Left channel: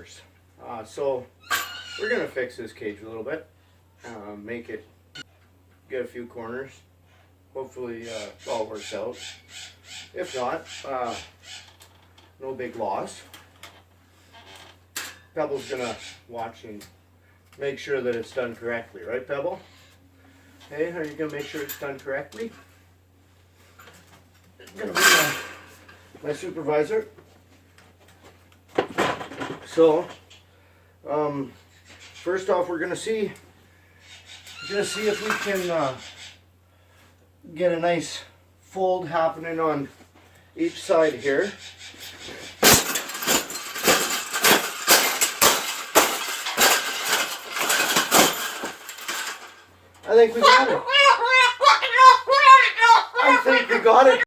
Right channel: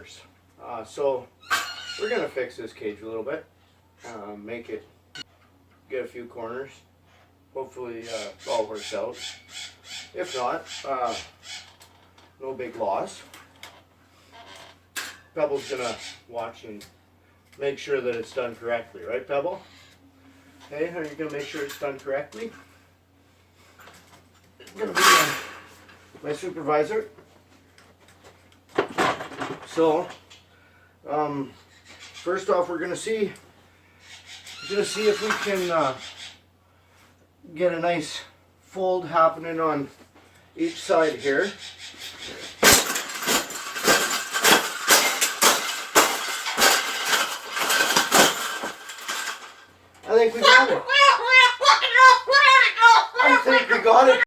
corners. So we're gonna fix this cage a little bit, make it, get a few corners. Hopefully it all works out. If not, no big loss. Pebble's gonna watch and make sure that it's done correctly, right, Pebble? Hey, are you gonna make sure it's done correctly? It's gonna be my supervisor. So, first off, we're gonna see if we can get a nice fold happening on each side here. I think we got it. I think we got it.